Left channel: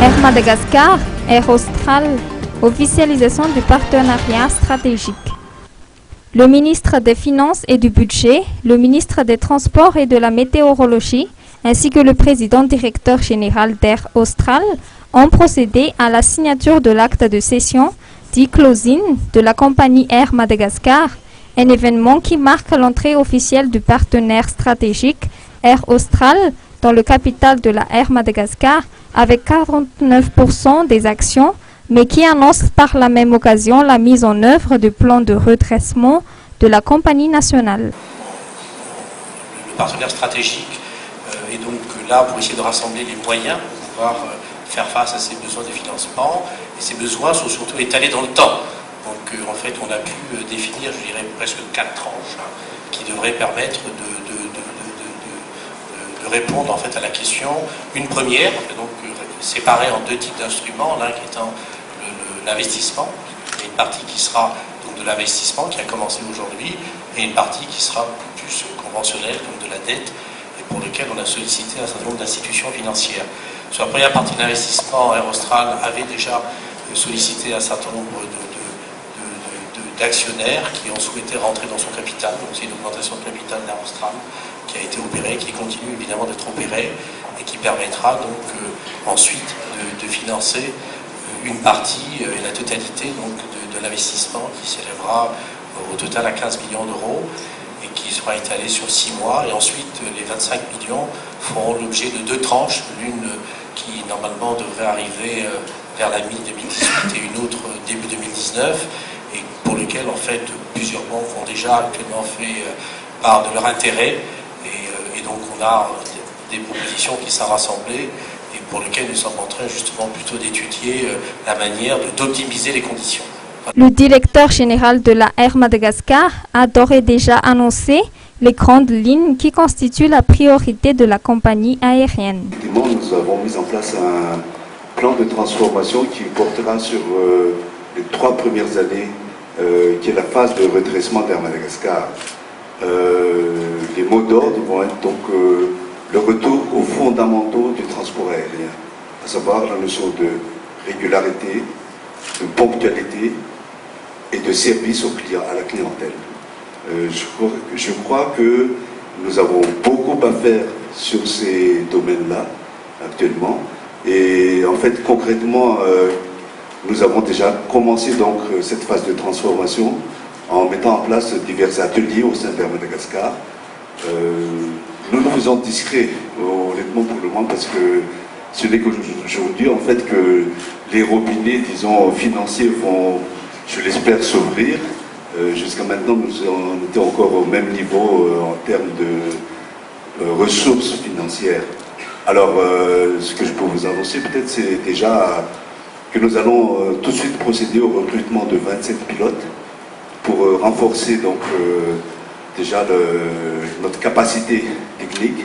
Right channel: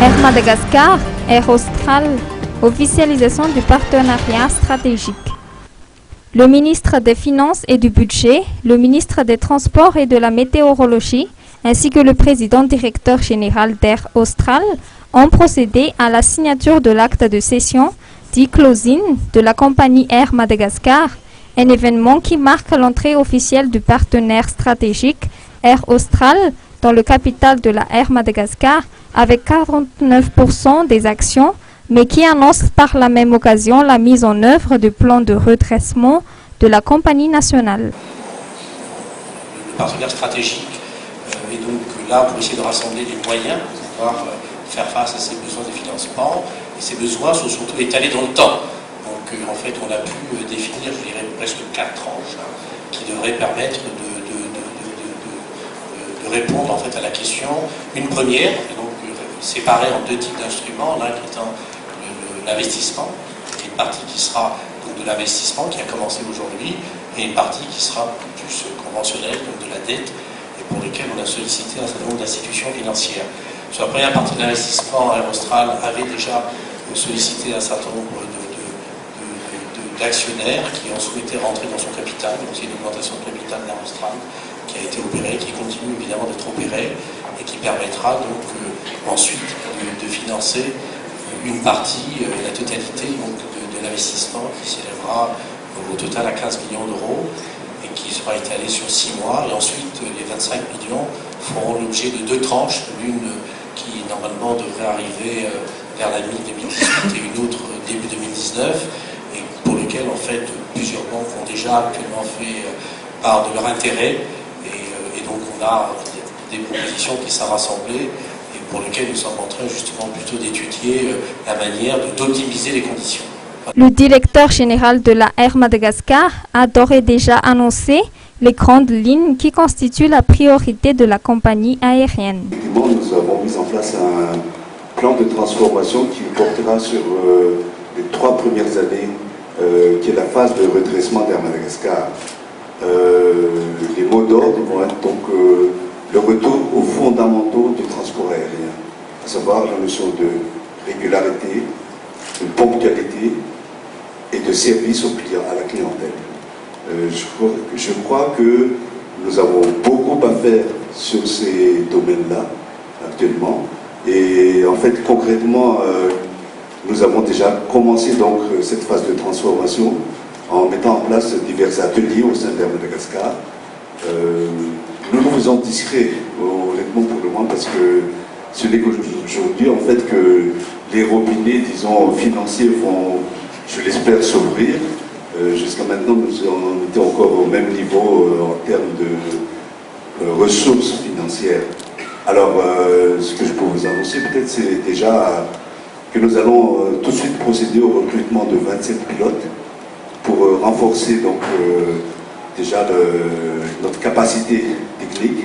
Air Madagascar, Air Austral, officialisation du partenariat stratégique. Le ministre des Finances et du Budget, le ministre des Transports et de la Météorologie, ainsi que le président directeur général d'Air Austral ont procédé à la signature de l'acte de cession, dit closing, de la compagnie Air Madagascar, un événement qui marque l'entrée officielle du partenaire stratégique Air Austral dans le capital de la Air Madagascar avec 49% des actions, mais qui annonce par la même occasion la mise en œuvre du plan de redressement de la compagnie nationale. Le partenaire stratégique est donc là pour essayer de rassembler les moyens pour pouvoir faire face à ces besoins de financement. Et ces besoins sont surtout étalés dans le temps. Donc en fait, on a pu définir, je dirais, presque 4 tranches qui devraient permettre de répondre en fait à la question. Une première, donc séparée en 2 types d'instruments, l'un étant l'investissement, une partie qui sera donc de l'investissement qui a commencé aujourd'hui, et une partie qui sera plus conventionnelle, donc de la dette, et pour lesquelles on a sollicité un certain nombre d'institutions financières. Sur la première partie de l'investissement, Air Austral avait déjà sollicité un certain nombre d'actionnaires qui ont souhaité rentrer dans son capital, donc c'est une augmentation de capital d'Air Austral qui a été opérée, qui continue évidemment d'être opérée, et qui permettra donc ensuite de financer une partie et la totalité donc, de l'investissement qui s'élèvera au total à 15 millions d'euros et qui sera étalé sur 6 mois. Et ensuite, les 25 millions feront l'objet de 2 tranches, l'une qui normalement devrait arriver vers la mi-2018 et une autre début 2019, et pour lequel en fait plusieurs banques ont déjà actuellement fait part de leur intérêt. Et donc on a des propositions qui sont rassemblées et pour lesquelles nous sommes en train justement plutôt d'étudier la manière d'optimiser les conditions. Le directeur général de la Air Madagascar a d'ores et déjà annoncé les grandes lignes qui constituent la priorité de la compagnie aérienne. Effectivement, nous avons mis en place un plan de transformation qui portera sur les 3 premières années, qui est la phase de redressement d'Air Madagascar. Les mots d'ordre vont être donc le retour aux fondamentaux du transport aérien, à savoir la notion de régularité, de ponctualité et de service à la clientèle. Je crois que nous avons beaucoup à faire sur ces domaines-là actuellement, et en fait concrètement nous avons déjà commencé donc cette phase de transformation en mettant en place divers ateliers au sein d'Air Madagascar. Nous le faisons discret, honnêtement pour le moment, parce que ce n'est qu'aujourd'hui en fait que les robinets, disons, financiers vont, je l'espère, s'ouvrir. Jusqu'à maintenant, on était encore au même niveau en termes de ressources financières. Alors, ce que je peux vous annoncer peut-être, c'est déjà que nous allons tout de suite procéder au recrutement de 27 pilotes pour renforcer donc déjà notre capacité technique.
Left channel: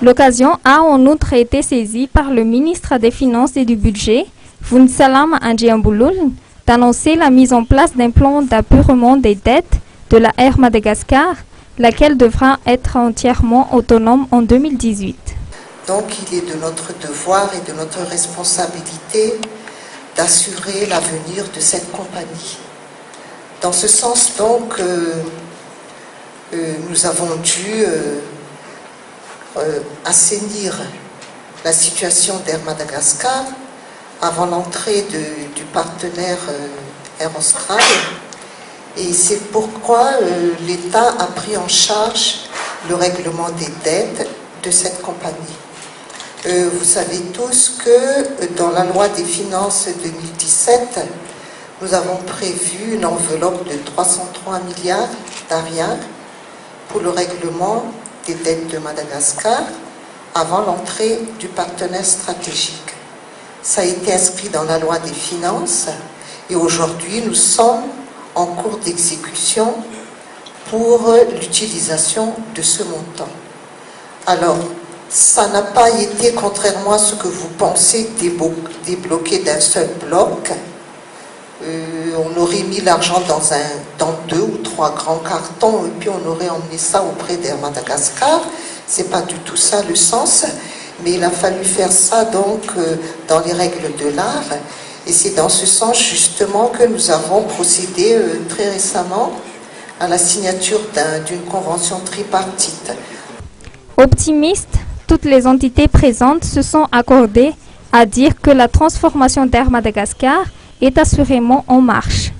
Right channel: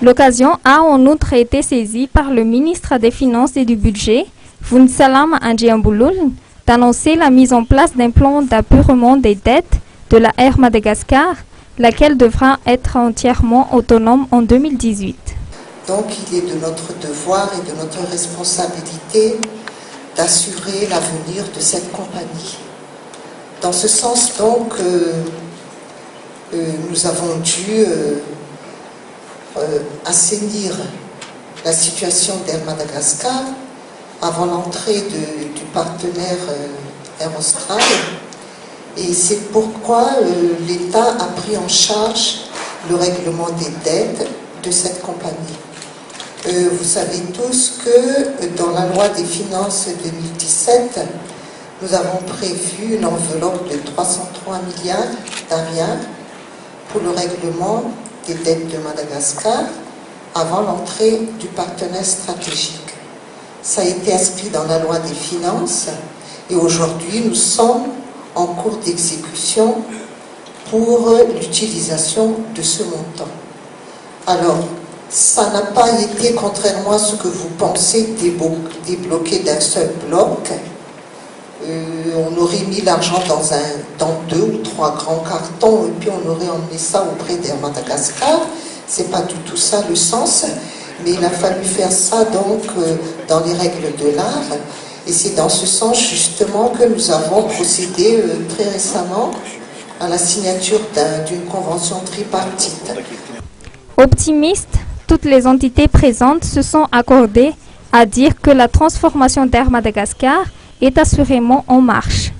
L'occasion a en outre été saisie par le ministre des Finances et du Budget, Vunsalam Andjiambouloul, d'annoncer la mise en place d'un plan d'apurement des dettes de la Air Madagascar, laquelle devra être entièrement autonome en 2018. Donc il est de notre devoir et de notre responsabilité d'assurer l'avenir de cette compagnie. Dans ce sens, donc, nous avons dû assainir la situation d'Air Madagascar avant l'entrée du partenaire Air Austral. Et c'est pourquoi l'État a pris en charge le règlement des dettes de cette compagnie. Vous savez tous que dans la loi des finances 2017, nous avons prévu une enveloppe de 303 milliards d'ariens pour le règlement des dettes de Madagascar avant l'entrée du partenaire stratégique. Ça a été inscrit dans la loi des finances et aujourd'hui nous sommes en cours d'exécution pour l'utilisation de ce montant. Alors, ça n'a pas été, contrairement à ce que vous pensez, débloqué d'un seul bloc. On aurait mis l'argent dans 2 ou 3 grands cartons et puis on aurait emmené ça auprès d'Air Madagascar. C'est pas du tout ça le sens, Mais il a fallu faire ça donc dans les règles de l'art. Et c'est dans ce sens justement que nous avons procédé très récemment à la signature d'une convention tripartite. Optimistes, toutes les entités présentes se sont accordées à dire que la transformation d'Air Madagascar est assurément en marche.